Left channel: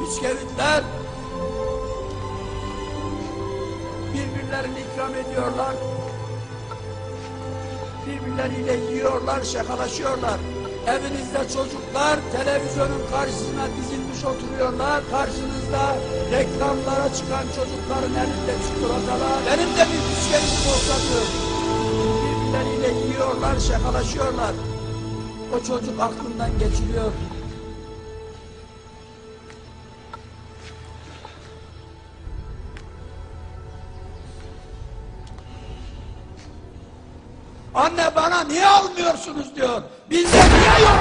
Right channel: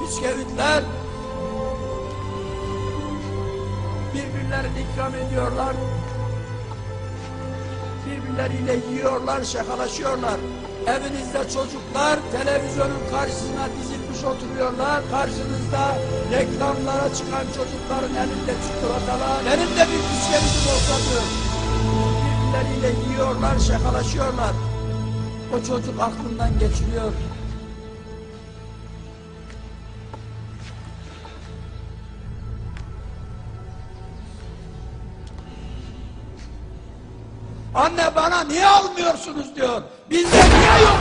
bisküvitler birbirlerini ikram ediyorlar. Birbirleriyle yiyorlar, şakalaşıyorlar. Evinizde çocuklar televizyonun karşısına dizilmiş oturuyorlar. Karşınızda reklamlara çıkan çocukların elinde çikolatalar. Benim de bir bisküvitim olsa diyor. Birbirleriyle yiyorlar, şakalaşıyorlar. O çocuk aklından geçiriyor. Anne bana niye almıyorsunuz diyor. Bizde niye yok.